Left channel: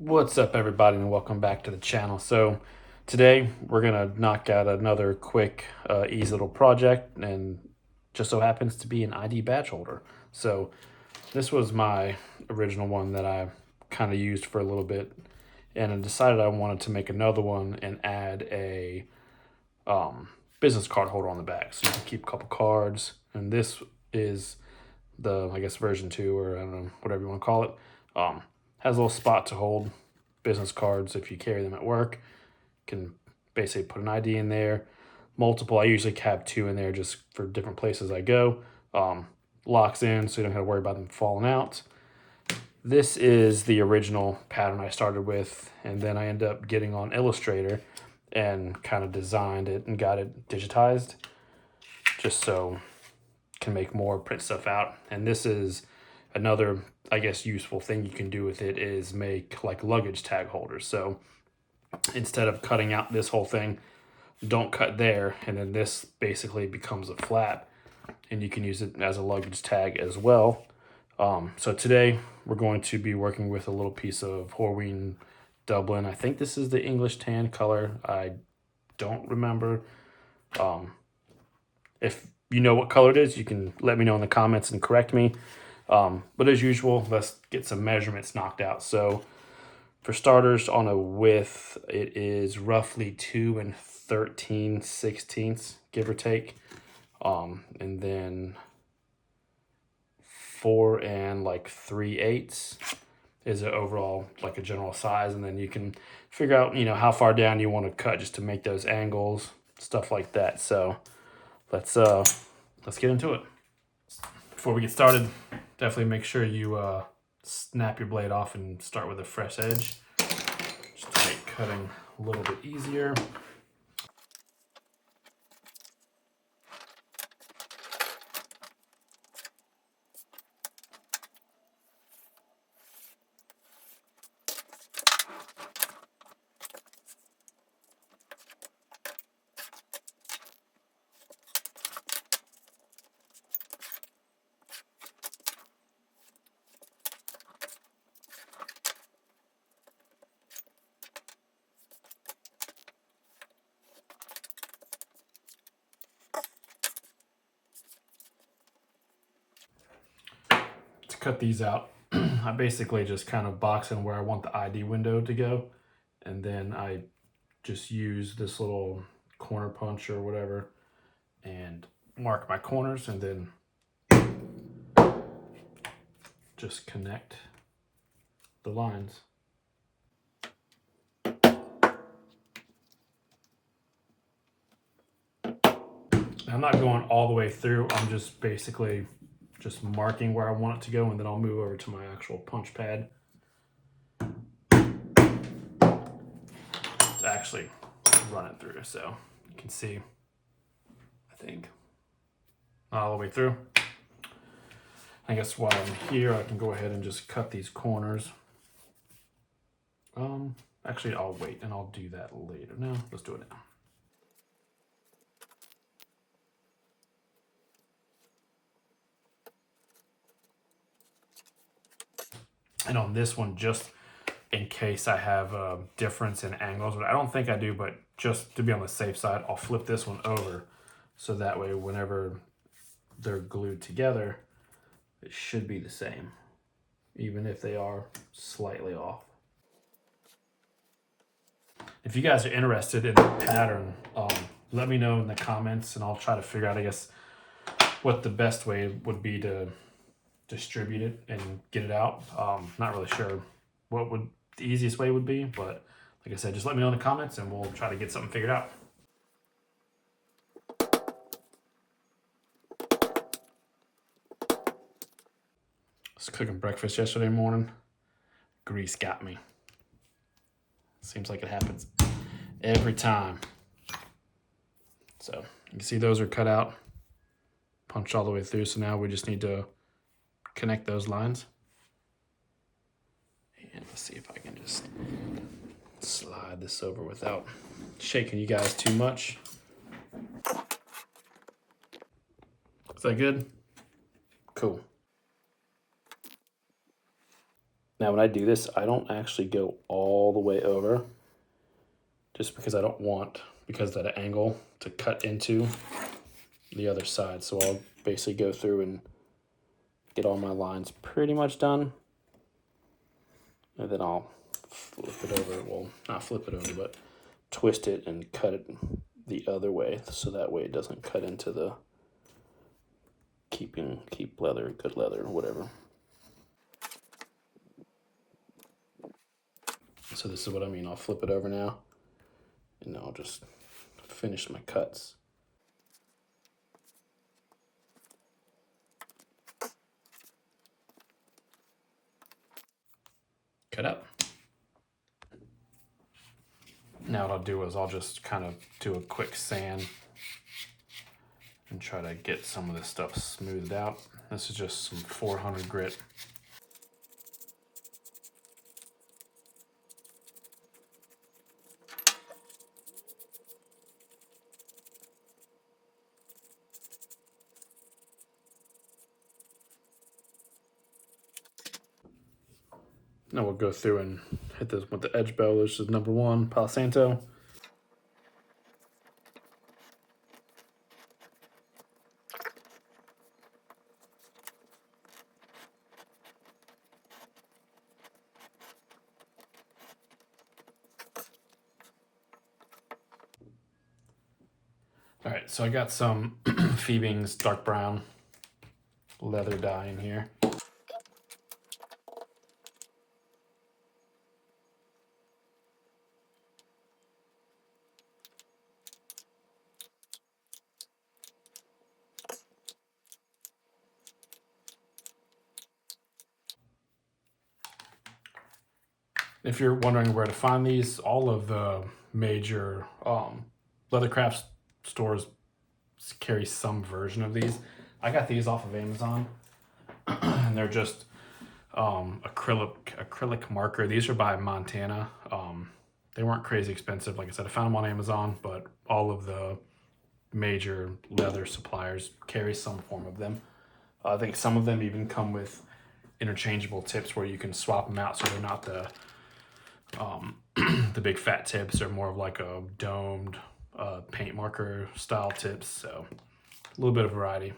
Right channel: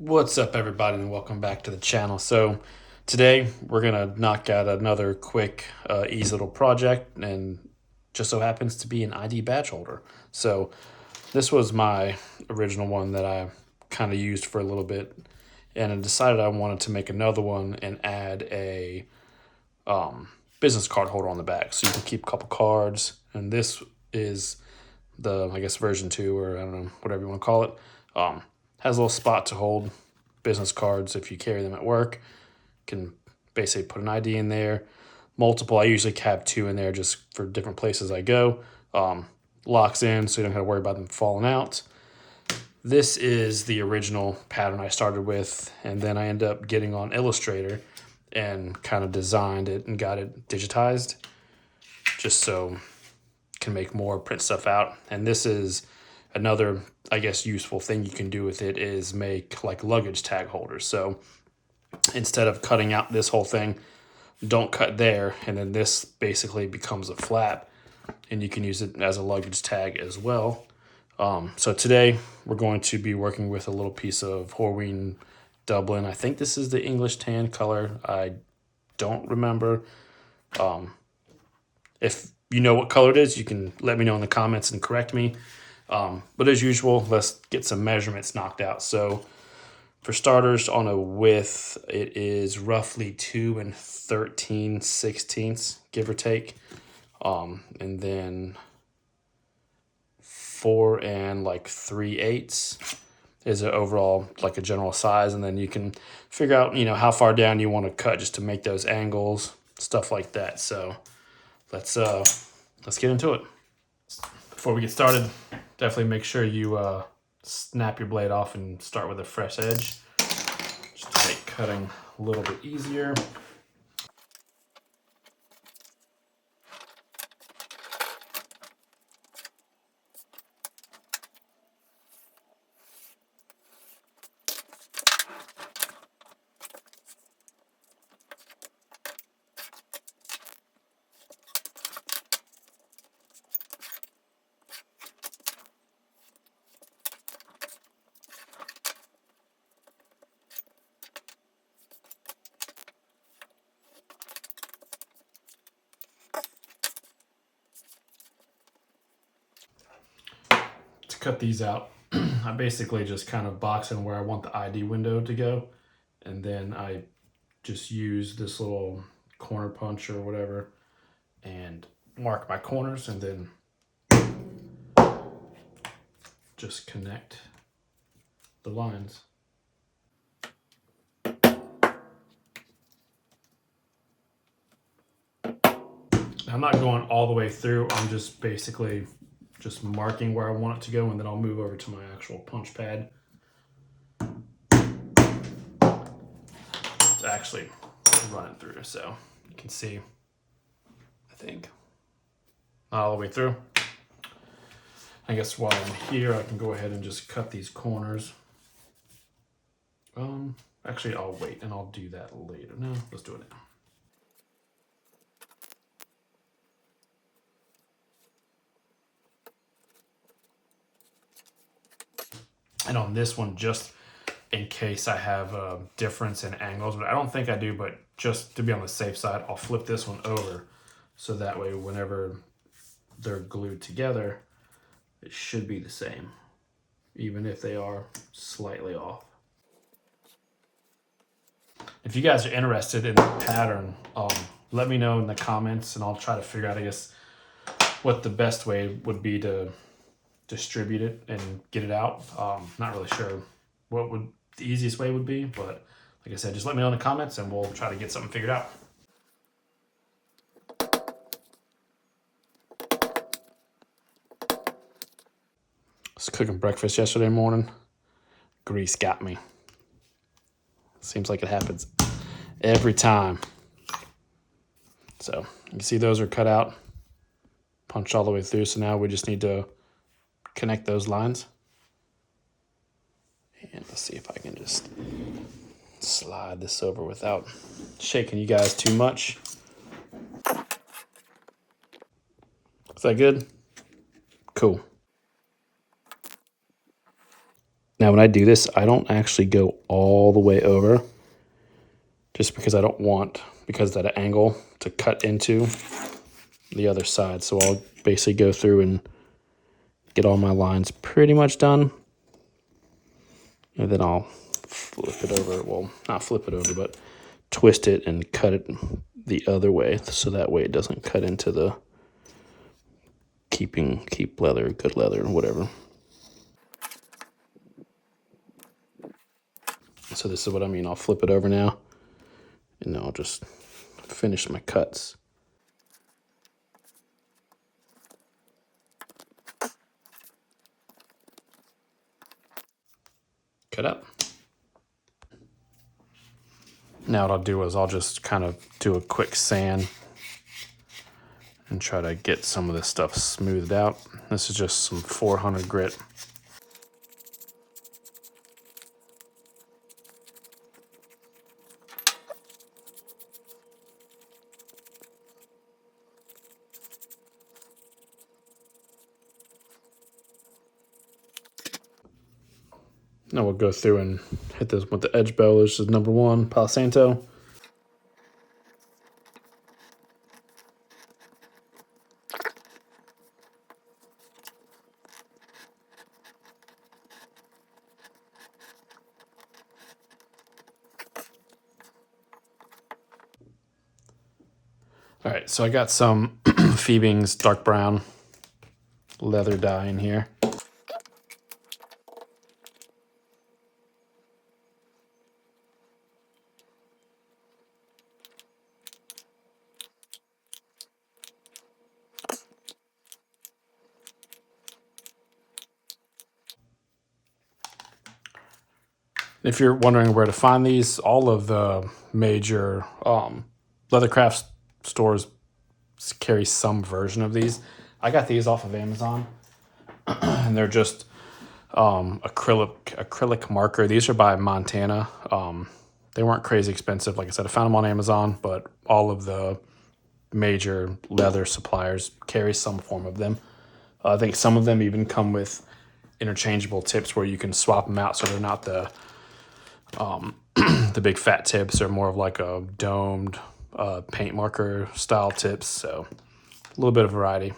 What's up, everybody, and welcome back to the channel. So today we're gonna knock out another quick, easy little project, and just so happens to be an ID badge holder. So this was my original one that I kind of used for a little bit, and I decided I wanted to make another one and add a business card holder on the back, so you can keep a couple cards. And this is the, I guess, version 2, or I don't know, whatever you want to call it. Has a little spot to hold business cards if you carry them at work. Can basically put an ID in there. Multiple, I usually have 2 in there just for different places I go. Locks in so you don't have to worry about them falling out. This is the original pattern I started with, and then I ended up getting on Illustrator and kind of designed it and got it digitized just so can make more, print stuff out. And this is another, I guess, useful thing you can do with it is make like luggage tag holders. So instead of cutting out this whole thing, don't cut there, and then this basically becomes a flap, and you can use it as a luggage tag as well. So today we're going to be working with a little piece of Horween Dublin. I think this is the English tan color. I don't remember. If you know what color it is, you can let me know in the comments and correct me. But as usual, let's get some measurements knocked out. So for starters, on a width, it is roughly 2 13/16, give or take. And then 4 3/8 is an overall, like a general size. And then you can figure out, how far down you want to cut just to make those angles, stuff like that. So let's get into it. Before we get started, definitely make sure you snap your blade off and start with a fresh edge, just to make cutting a little bit easier. To cut these out, I basically just kind of box in where I want the ID window to go, and then I just use this little corner punch or whatever and mark my corners, and then just connect the lines. I'm not going all the way through. I'm just basically just marking where I want it to go, and then I'll move over to my actual punch pad to actually run it through. So you can see, I think, not all the way through. I guess while I'm here, I can go ahead and just cut these corners. Actually, I'll wait and I'll do that later. No, let's do it now. And on this one, just in case I have a difference in angles, but I don't think I do, but just to be on the safe side, I'll flip this one over. So that way, whenever they're glued together, it should be the same, even if they are slightly off. If you guys are interested in the pattern, let me know in the comments, and I'll try to figure out, I guess, what the best way would be to distribute it and get it out. Not really sure what would the easiest way would be, but like I said, just let me know in the comments and we'll try to get something figured out. I was cooking breakfast yesterday morning. Grease got me. Seems like it happens every time. So you can see those are cut out, punched all the way through. So now we just need to connect those lines. And let's see if I can just slide this over without shaking you guys too much. Is that good? Cool. Now when I do this, I don't actually go all the way over just because I don't want, because of that angle, to cut into the other side. So I'll basically go through and get all my lines pretty much done. And then I'll flip it over. Well, not flip it over, but twist it and cut it the other way. So that way it doesn't cut into the keep leather, good leather, whatever. So this is what I mean. I'll flip it over now and I'll just finish my cuts. Cut up. Now what I'll do is I'll just kind of do a quick sand and try to get some of this stuff smoothed out. This is just some 400 grit. Now we'll go through and hit this with the edge bow. This is number 1, Palo Santo. All right, so I got some Phoebing's dark brown leather dye in here. If you're wondering where to find these, all of the major leathercraft stores carry some version of these. I got these off of Amazon, and they're just acrylic marker. These are by Montana. They weren't crazy expensive. Like I said, I found them on Amazon, but all of the major leather suppliers carry some form of them. I think some of them even come with interchangeable tips where you can swap them out, so they're not the the big fat tips. They're more of like a domed paint marker style tips. So a little bit of variety.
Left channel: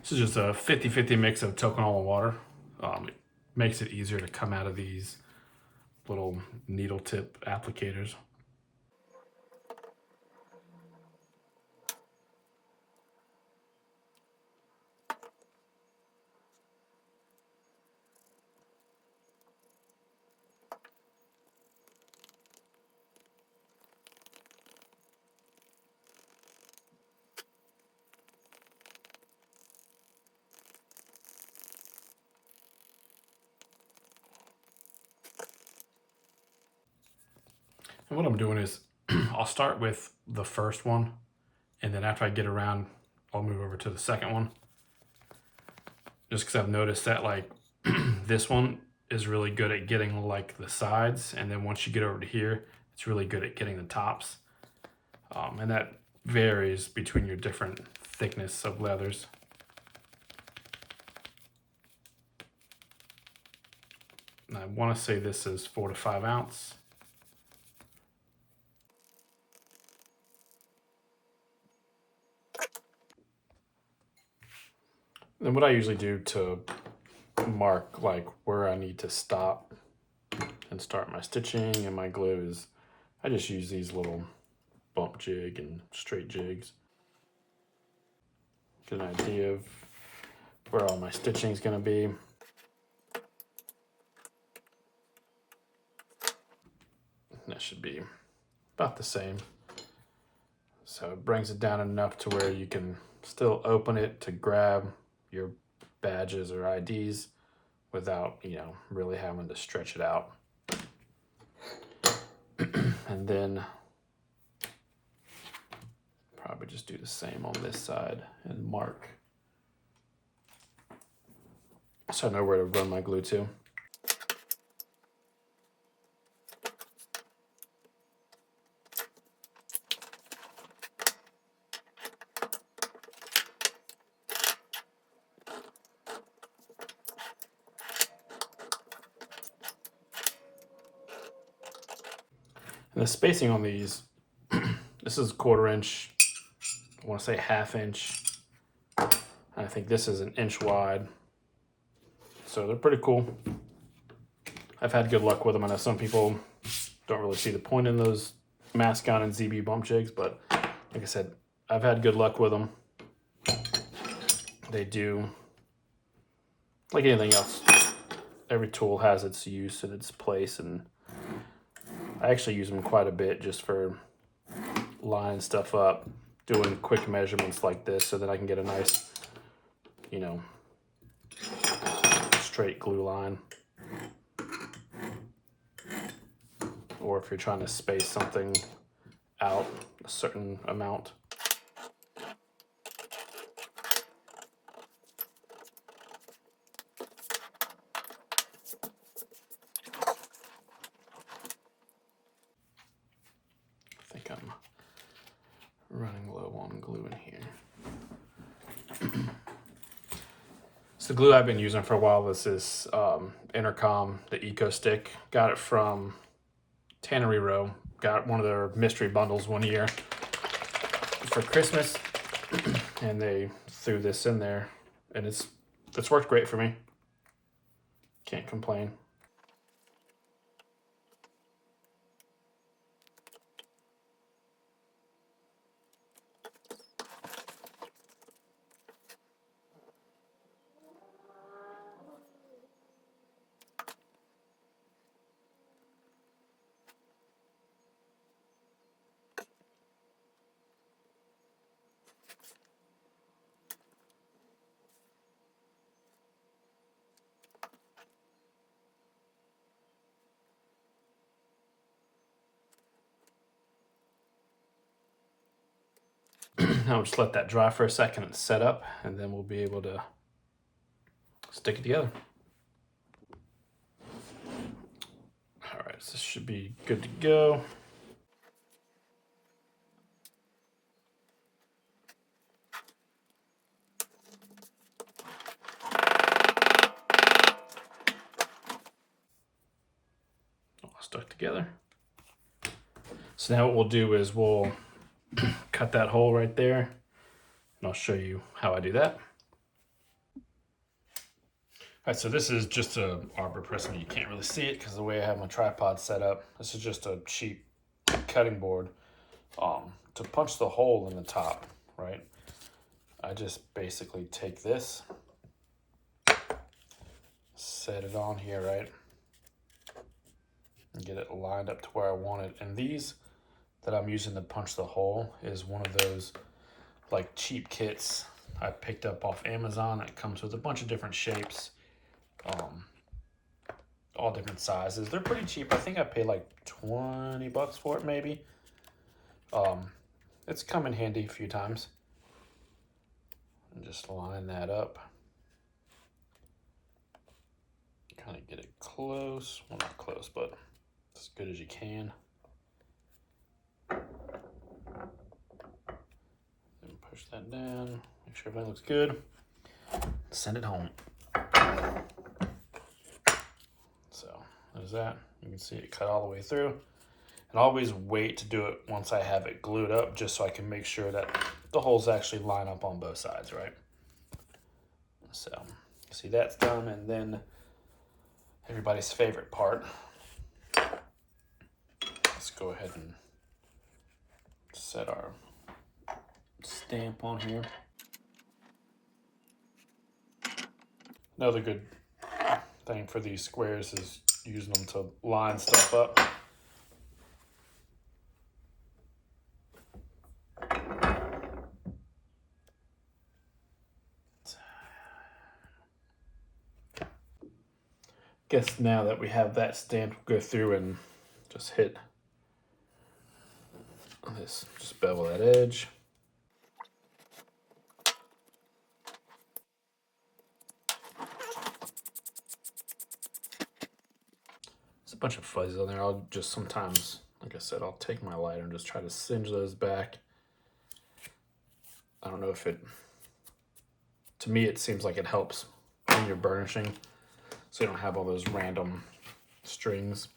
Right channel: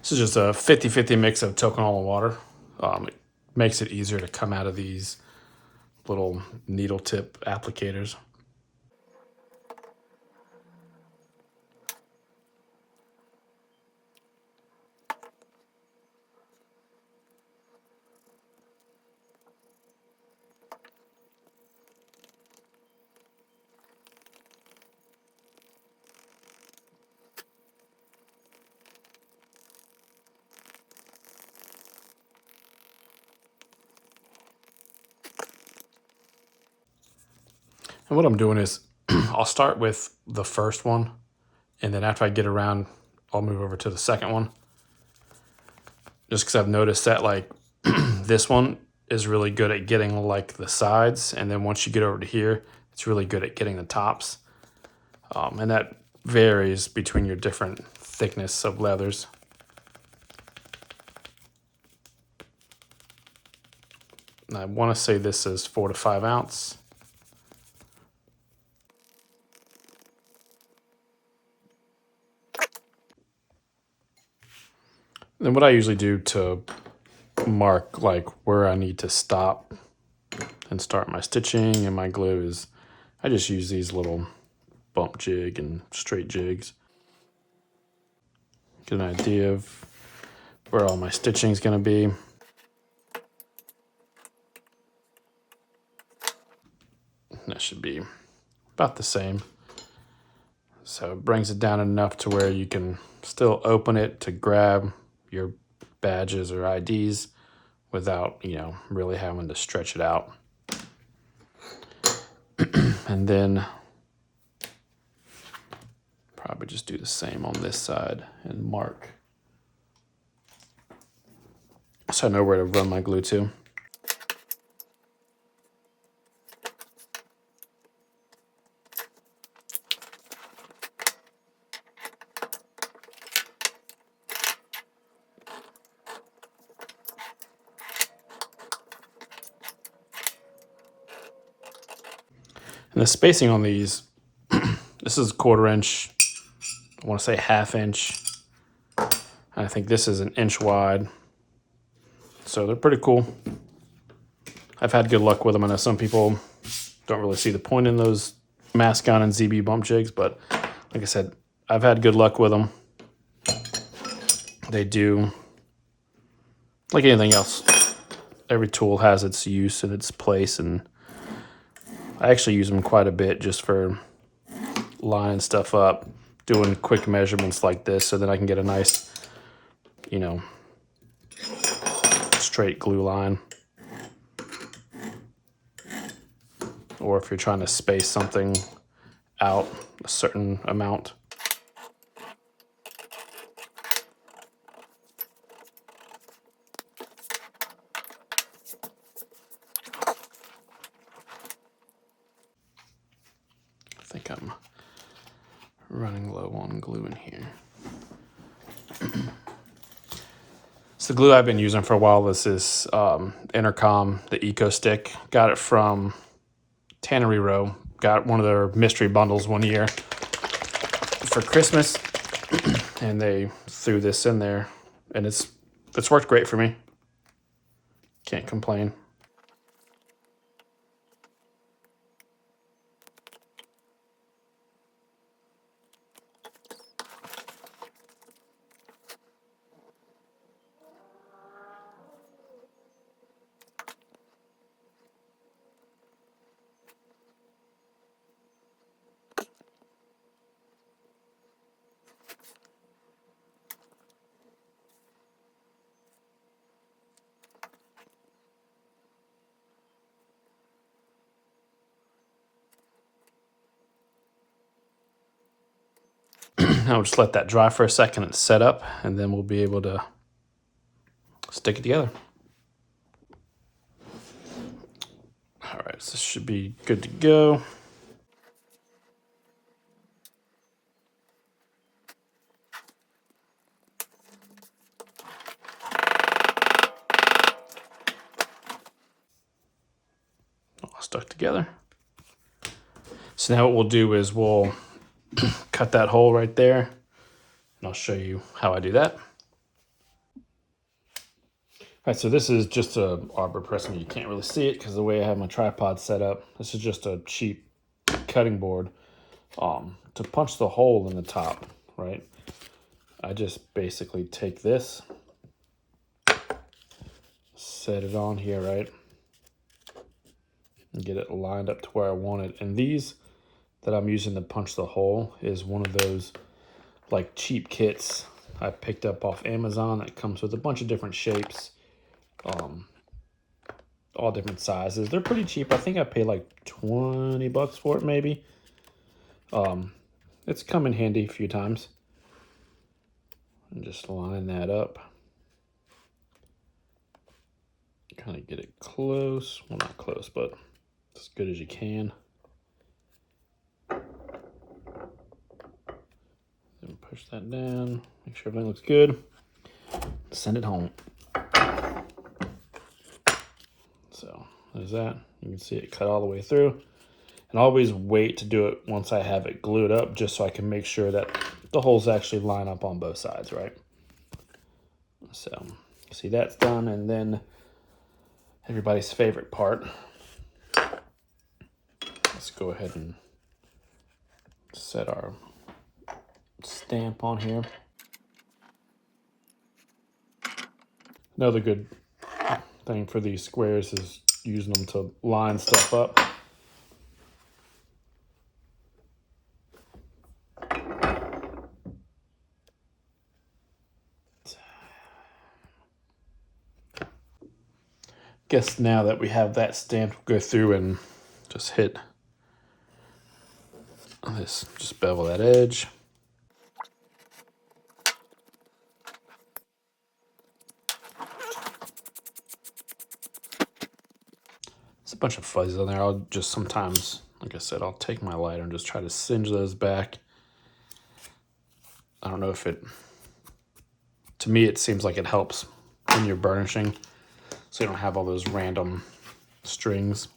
This is just a 50-50 mix of Tokonol and water. It makes it easier to come out of these little needle tip applicators. And what I'm doing is I'll start with the first one, and then after I get around, I'll move over to the second one. Just because I've noticed that like this one is really good at getting like the sides, and then once you get over to here, it's really good at getting the tops. And that varies between your different thickness of leathers. And I want to say this is 4 to 5 ounce. Then what I usually do to mark like where I need to stop and start my stitching and my glue is I just use these little bump jig and straight jigs. Get an idea of where all my stitching is going to be. That should be about the same. So it brings it down enough to where you can still open it to grab your badges or IDs without, really having to stretch it out. And then probably just do the same on this side and mark so I know where to run my glue to. And the spacing on these, this is 1/4 inch, I want to say 1/2 inch. I think this is 1 inch wide. So they're pretty cool. I've had good luck with them. I know some people don't really see the point in those Mascon and ZB bump jigs, but like I said, I've had good luck with them. They do, like anything else, every tool has its use and its place, and I actually use them quite a bit just for lining stuff up, doing quick measurements like this, so that I can get a nice, straight glue line. Or if you're trying to space something out a certain amount. I think I'm running low on glue in here. So the glue I've been using for a while is this Intercom, the Eco Stick. Got it from Tannery Row. Got one of their mystery bundles one year for Christmas, and they threw this in there, and it's worked great for me. Can't complain. I'll just let that dry for a second and set up, and then we'll be able to stick it together. All right, so this should be good to go. All stuck together. So now what we'll do is we'll cut that hole right there, and I'll show you how I do that. All right, so this is just a arbor press. I mean, you can't really see it because the way I have my tripod set up. This is just a cheap cutting board to punch the hole in the top, right? I just basically take this, set it on here, right? And get it lined up to where I want it. And these that I'm using to punch the hole is one of those like cheap kits I picked up off Amazon that comes with a bunch of different shapes, all different sizes. They're pretty cheap. I think I paid like 20 bucks for it, maybe. It's come in handy a few times. I'm just lining that up. Kind of get it close. Well, not close, but as good as you can. Then push that down. Make sure everything looks good. Send it home. So there's that. You can see it cut all the way through. And always wait to do it once I have it glued up, just so I can make sure that the holes actually line up on both sides, right? So see, that's done. And then everybody's favorite part. Let's go ahead and set our stamp on here. Another good thing for these squares is using them to line stuff up. Guess now that we have that stamped, we'll go through and just hit this, just bevel that edge. There's a bunch of fuzzies on there. I'll just sometimes, like I said, I'll take my lighter and just try to singe those back. I don't know if it, to me, it seems like it helps when you're burnishing, so you don't have all those random strings.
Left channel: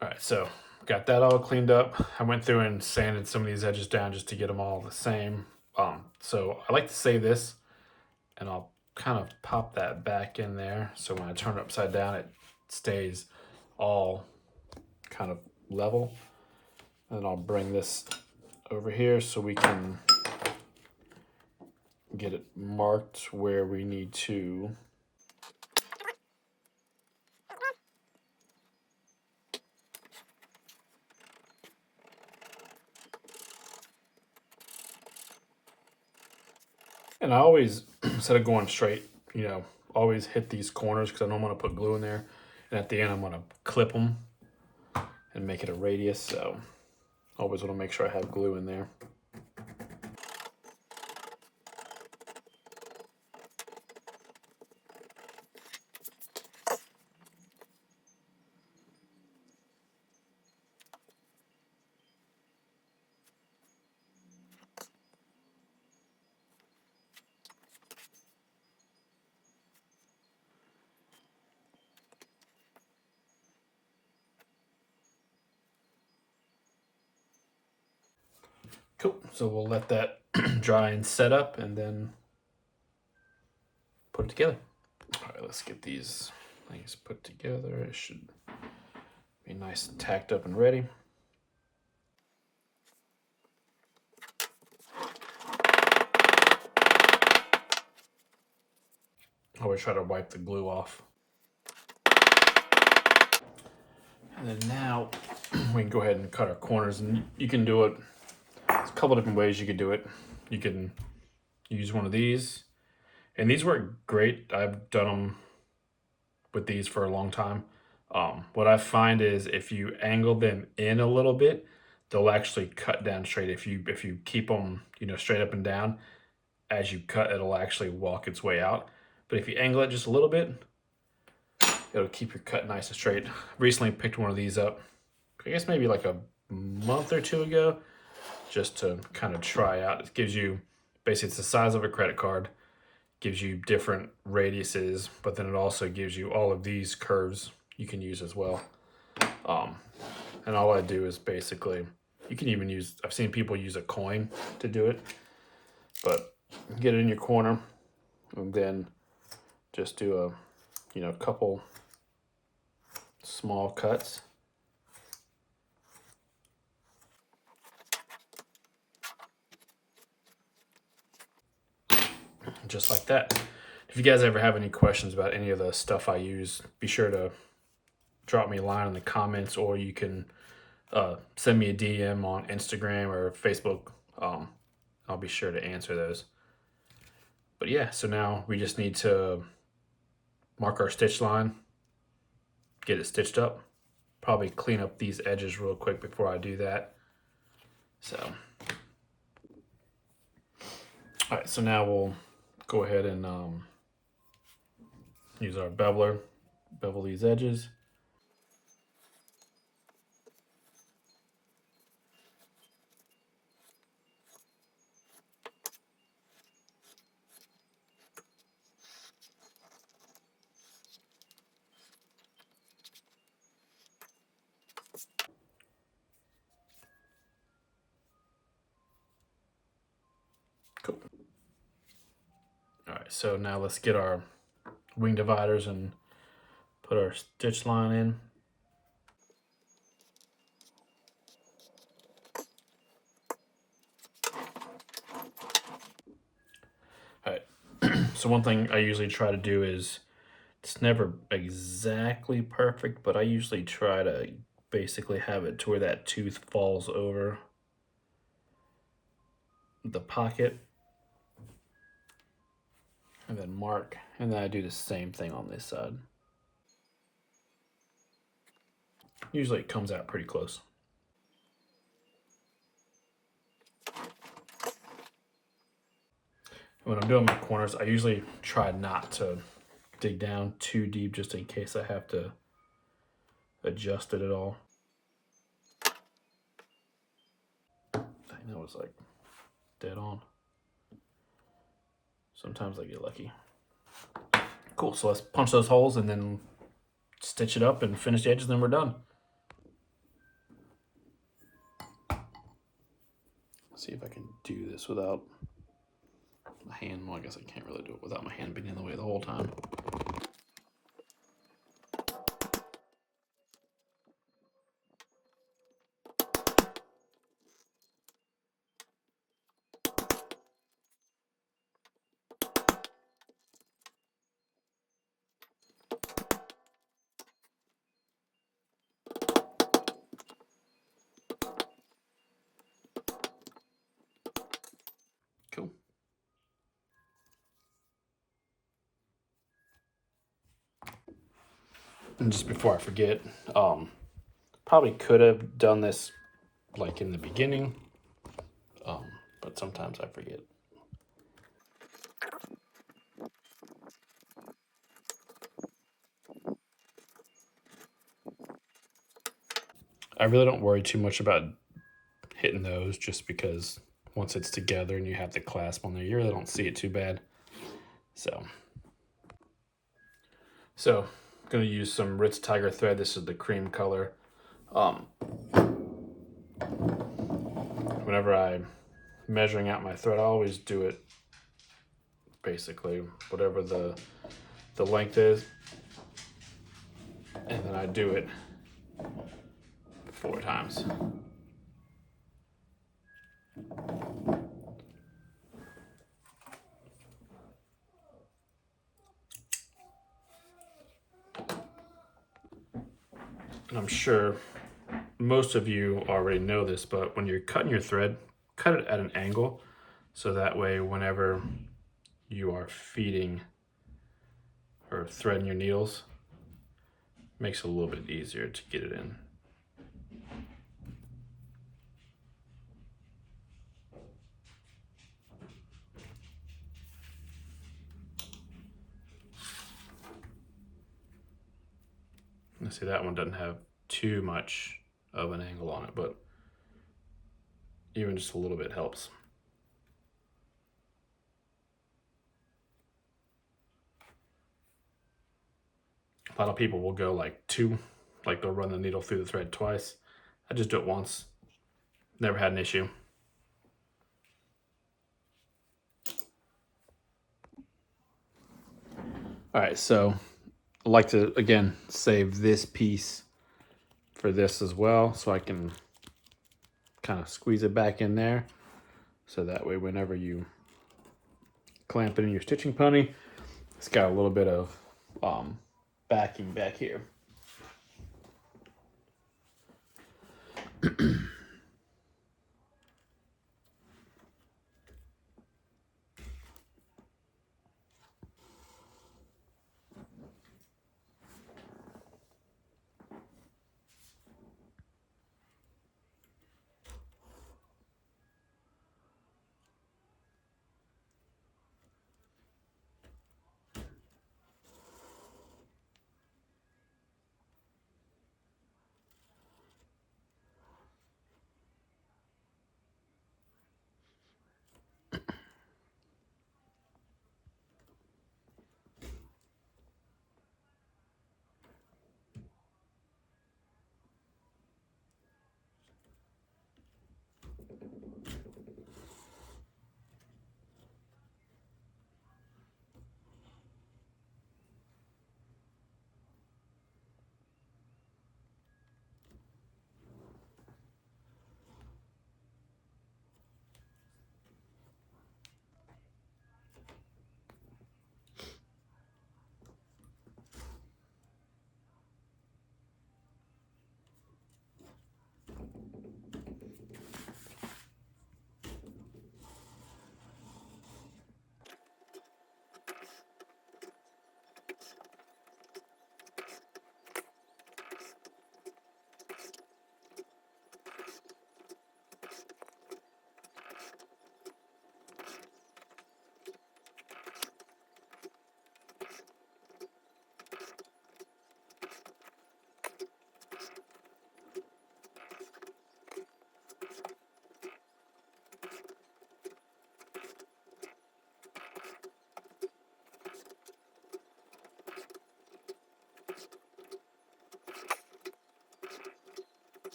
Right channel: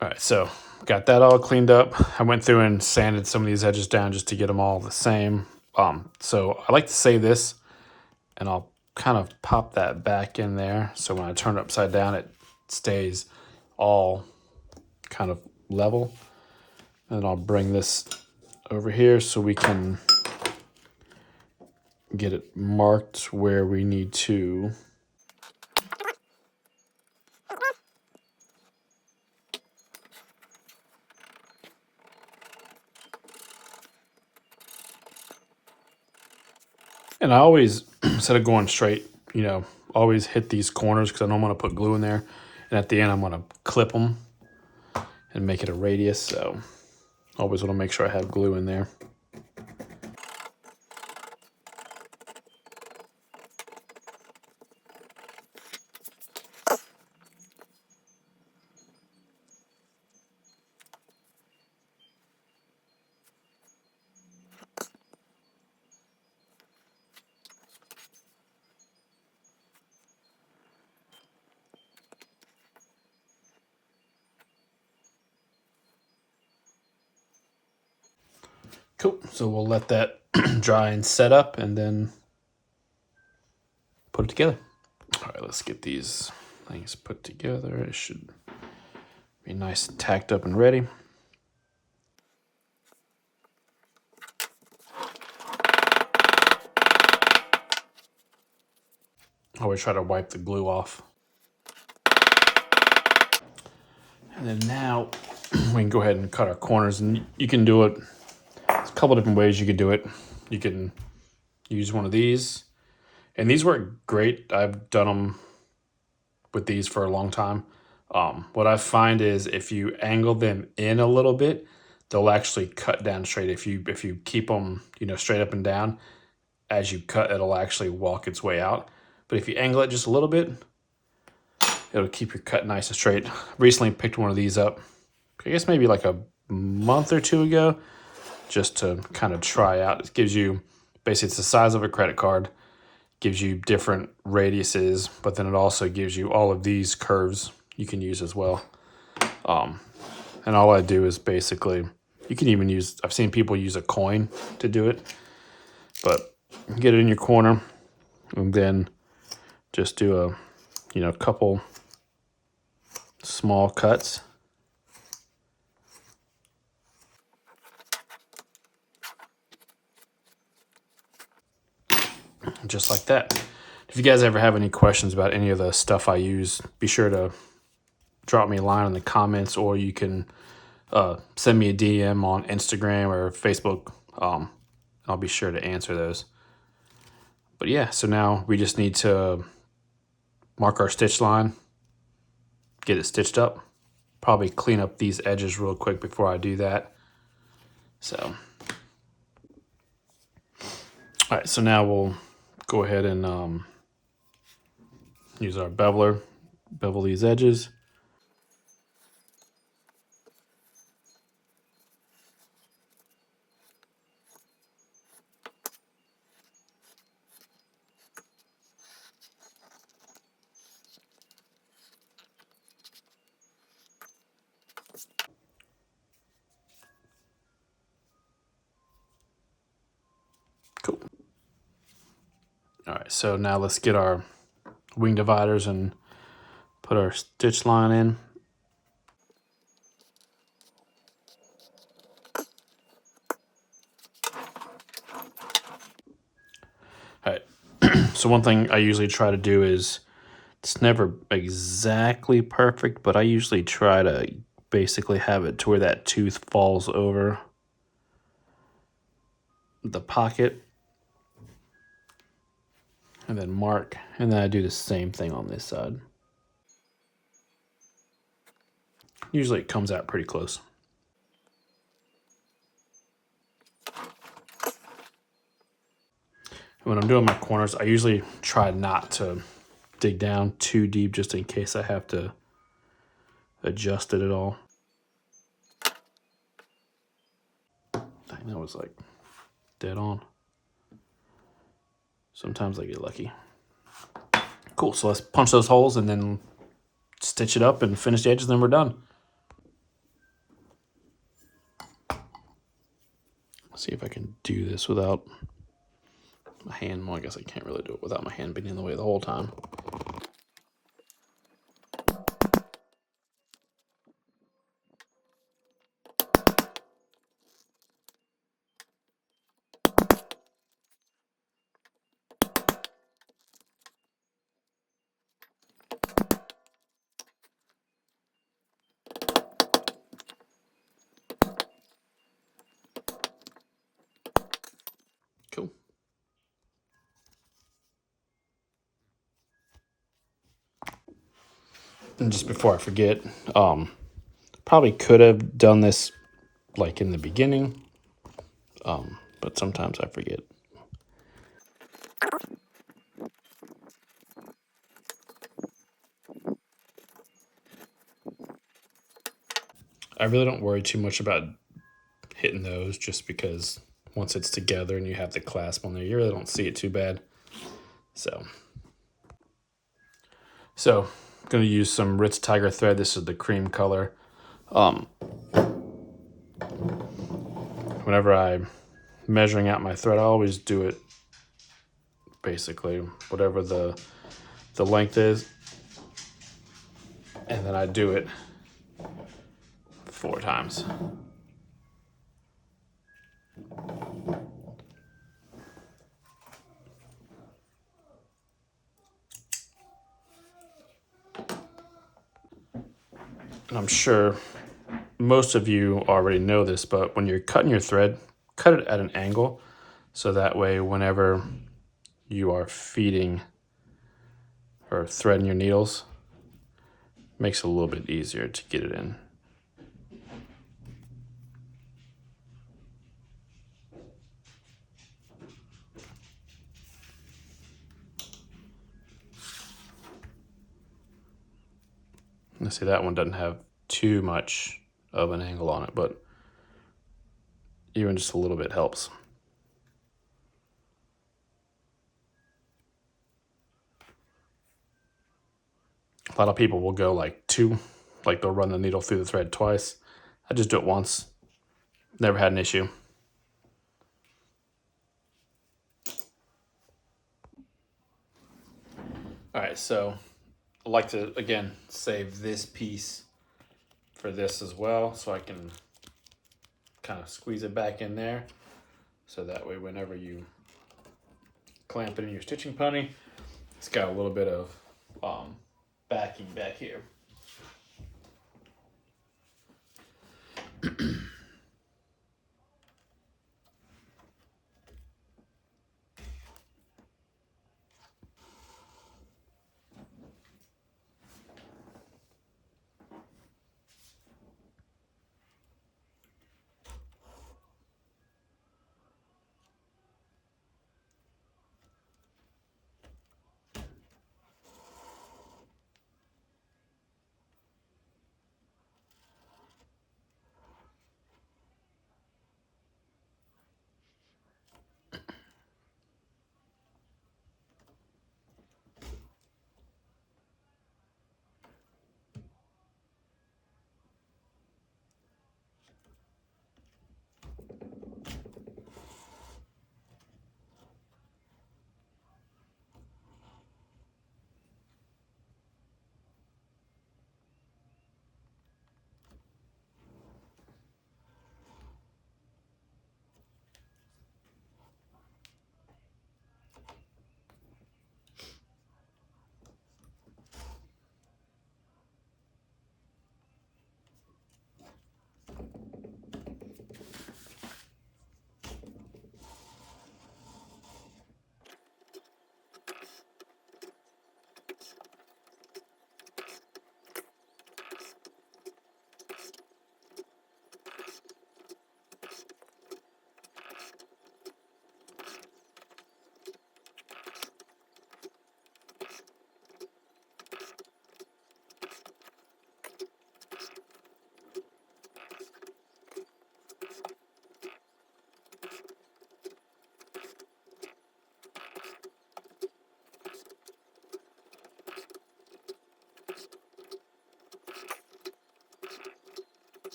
All right, so got that all cleaned up. I went through and sanded some of these edges down just to get them all the same. So I like to save this, and I'll kind of pop that back in there. So when I turn it upside down, it stays all kind of level. And I'll bring this over here so we can get it marked where we need to. And I always, instead of going straight, always hit these corners because I don't want to put glue in there. And at the end, I'm going to clip them and make it a radius. So always want to make sure I have glue in there. Cool. So we'll let that dry and set up and then put it together. All right, let's get these things put together. It should be nice and tacked up and ready. Always try to wipe the glue off. And then now we can go ahead and cut our corners, and you can do it. There's a couple different ways you could do it. You can use one of these, and these work great. I've done them with these for a long time. What I find is if you angle them in a little bit, they'll actually cut down straight. If you keep them, straight up and down, as you cut, it'll actually walk its way out. But if you angle it just a little bit, it'll keep your cut nice and straight. Recently picked one of these up, I guess maybe like a month or two ago, just to kind of try out. It gives you, basically it's the size of a credit card, gives you different radiuses, but then it also gives you all of these curves you can use as well. And all I do is basically, you can even use, I've seen people use a coin to do it, but get it in your corner and then just do a couple small cuts. Just like that. If you guys ever have any questions about any of the stuff I use, be sure to drop me a line in the comments, or you can send me a DM on Instagram or Facebook. I'll be sure to answer those. But yeah, so now we just need to mark our stitch line, get it stitched up. Probably clean up these edges real quick before I do that. So, all right, so now we'll go ahead and use our beveler, bevel these edges. Cool. All right, so now let's get our wing dividers and put our stitch line in. All right. So one thing I usually try to do is, it's never exactly perfect, but I usually try to basically have it to where that tooth falls over the pocket, and then mark, and then I do the same thing on this side. Usually it comes out pretty close. When I'm doing my corners, I usually try not to dig down too deep just in case I have to adjust it at all. Dang, that was like dead on. Sometimes I get lucky. Cool, so let's punch those holes and then stitch it up and finish the edges, and then we're done. Let's see if I can do this without my hand. Well, I guess I can't really do it without my hand being in the way the whole time. Cool. And just before I forget, probably could have done this like in the beginning, but sometimes I forget. I really don't worry too much about hitting those, just because once it's together and you have the clasp on there, you really don't see it too bad. So I'm going to use some Ritz Tiger thread. This is the cream color. Whenever I'm measuring out my thread, I always do it basically whatever the length is, and then I do it 4 times. And I'm sure most of you already know this, but when you're cutting your thread, cut it at an angle, so that way whenever you are feeding or threading your needles, it makes it a little bit easier to get it in. Let's see, that one doesn't have too much of an angle on it, but even just a little bit helps. A lot of people will go like 2, like they'll run the needle through the thread twice. I just do it once. Never had an issue. All right, so I like to, again, save this piece for this as well, so I can kind of squeeze it back in there. So that way, whenever you clamp it in your stitching pony, it's got a little bit of backing back here.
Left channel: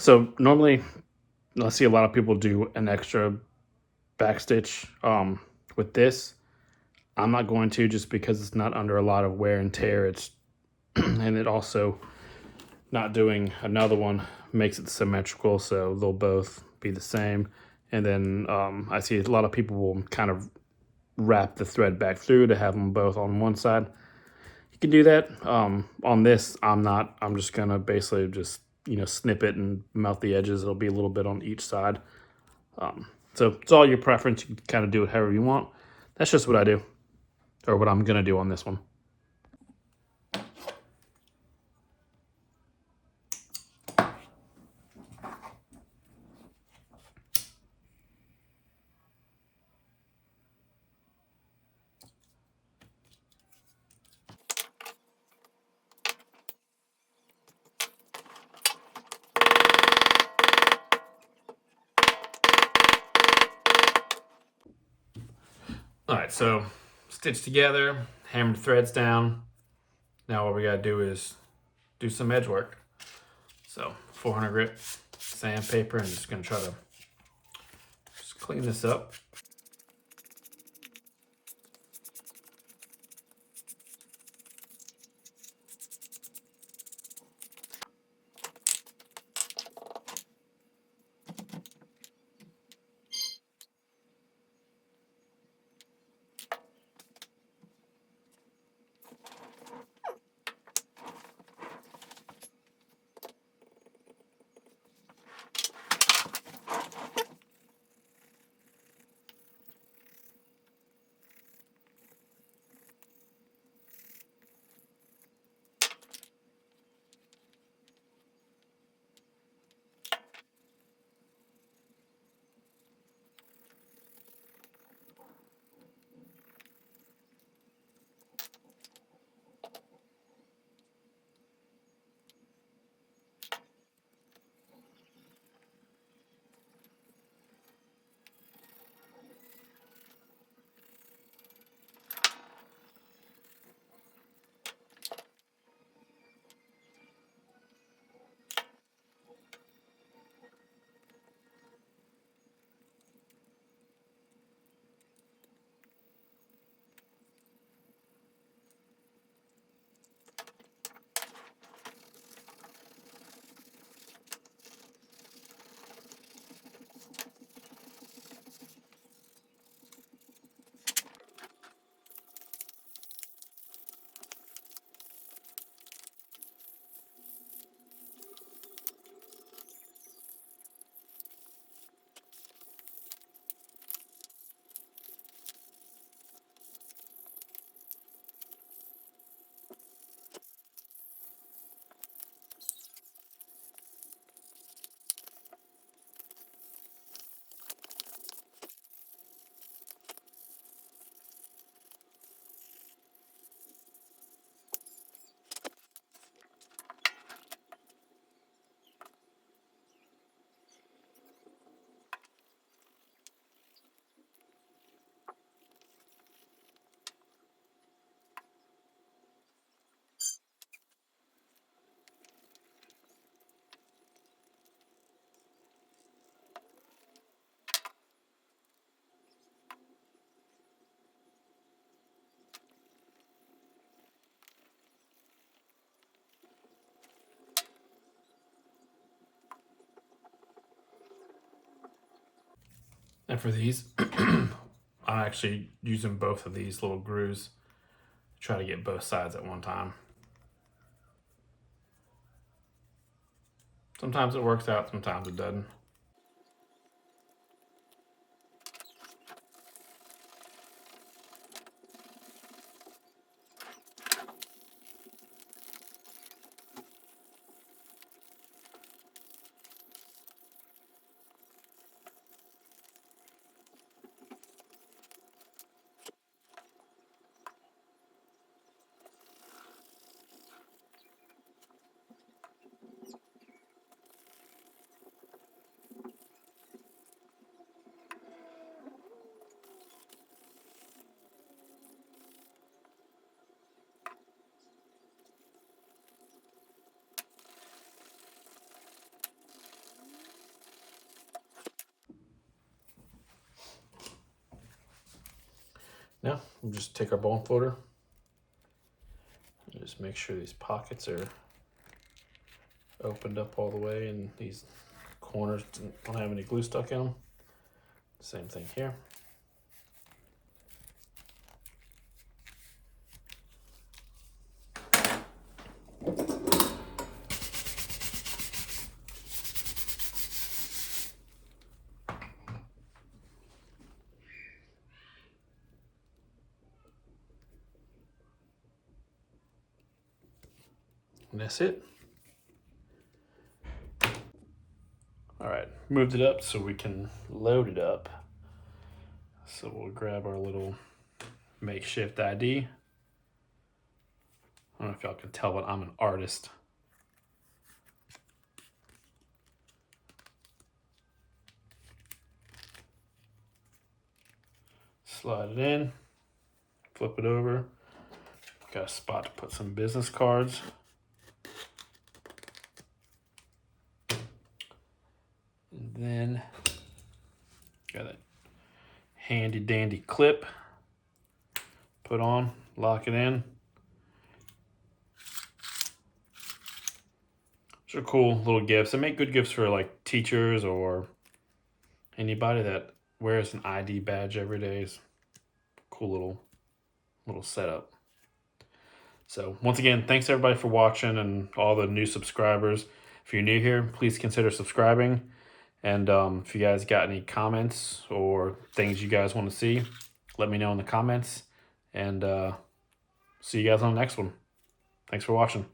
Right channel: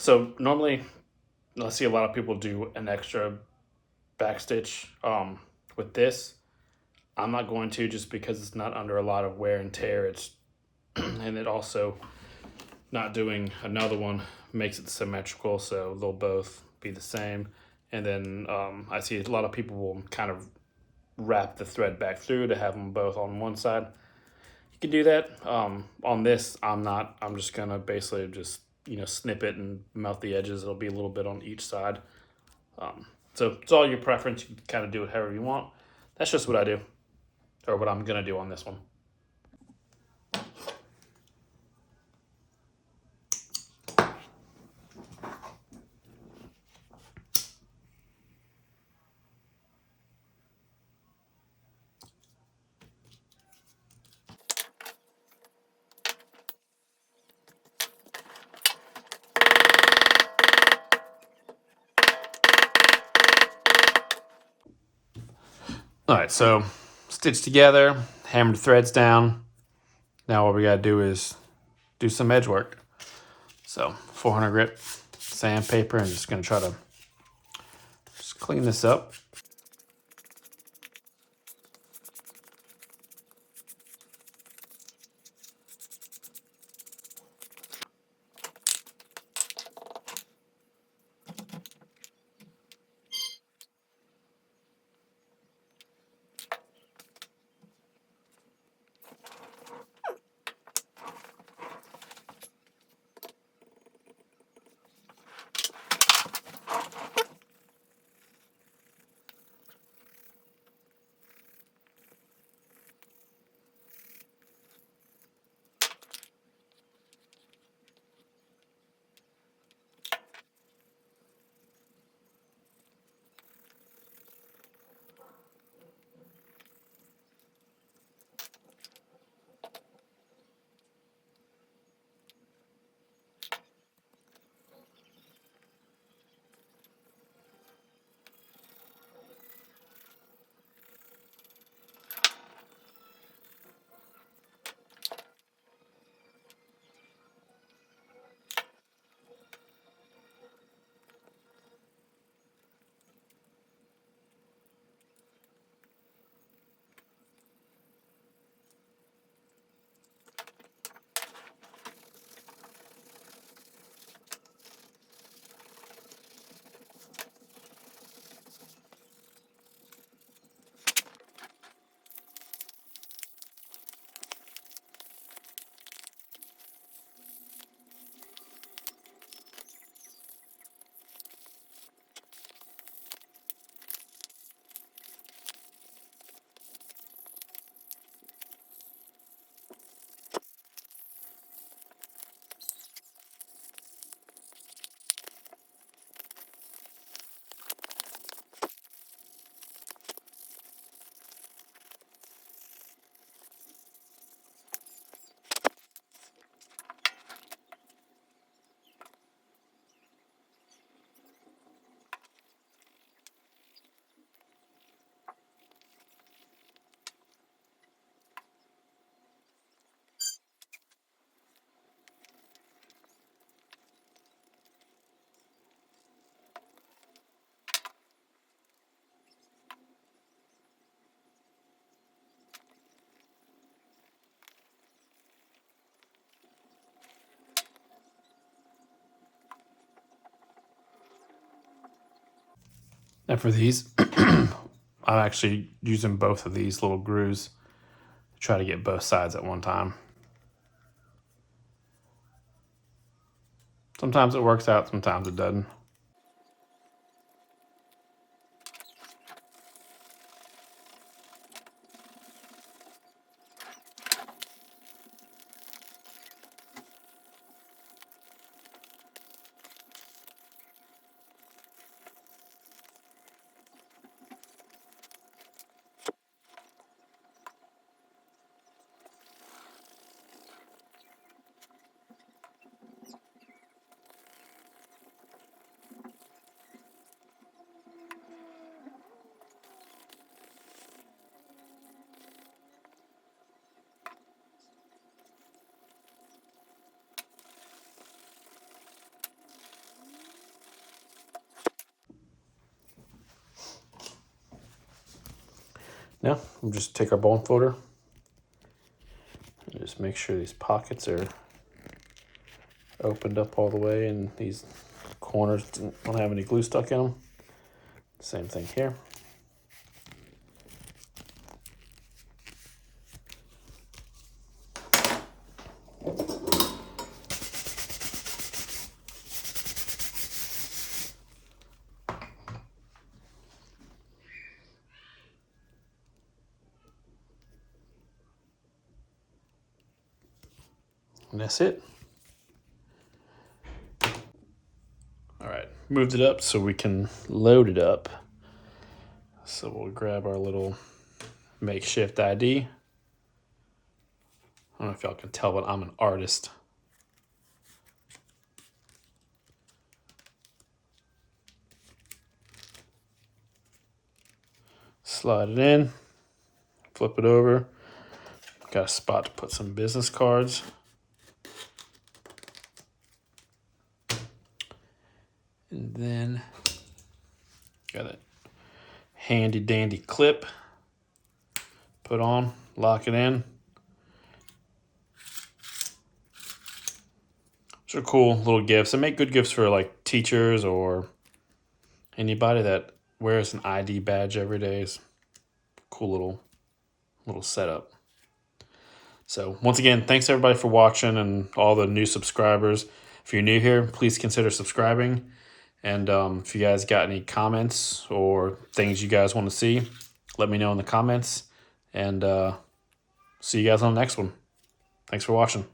So normally, I see a lot of people do an extra back stitch with this. I'm not going to, just because it's not under a lot of wear and tear. It's and it also, not doing another one makes it symmetrical, so they'll both be the same. And then I see a lot of people will kind of wrap the thread back through to have them both on one side. You can do that. On this, I'm not. I'm just gonna basically just snip it and melt the edges. It'll be a little bit on each side. So it's all your preference. You can kind of do it however you want. That's just what I do, or what I'm gonna do on this one. All right, so stitch together, hammer the threads down. Now what we gotta do is do some edge work. So 400 grit sandpaper. I'm just gonna try to just clean this up. And for these, I'm actually using both of these little grooves to try to get both sides at one time. Sometimes it works out, sometimes it doesn't. Yeah, we'll just take our bone folder and just make sure these pockets are opened up all the way and these corners don't have any glue stuck in them. Same thing here. And that's it. All right, moved it up so we can load it up. So we'll grab our little makeshift ID. I don't know if y'all can tell, but I'm an artist. Slide it in, flip it over. Got a spot to put some business cards. And then got a handy dandy clip. Put on, lock it in. These are cool little gifts. They make good gifts for like teachers or anybody that wears an ID badge every day. Is cool little setup. So once again, thanks everybody for watching and all the new subscribers. If you're new here, please consider subscribing. And if you guys got any comments or things you guys want to see, let me know in the comments. And see you guys on the next one. Thanks for watching.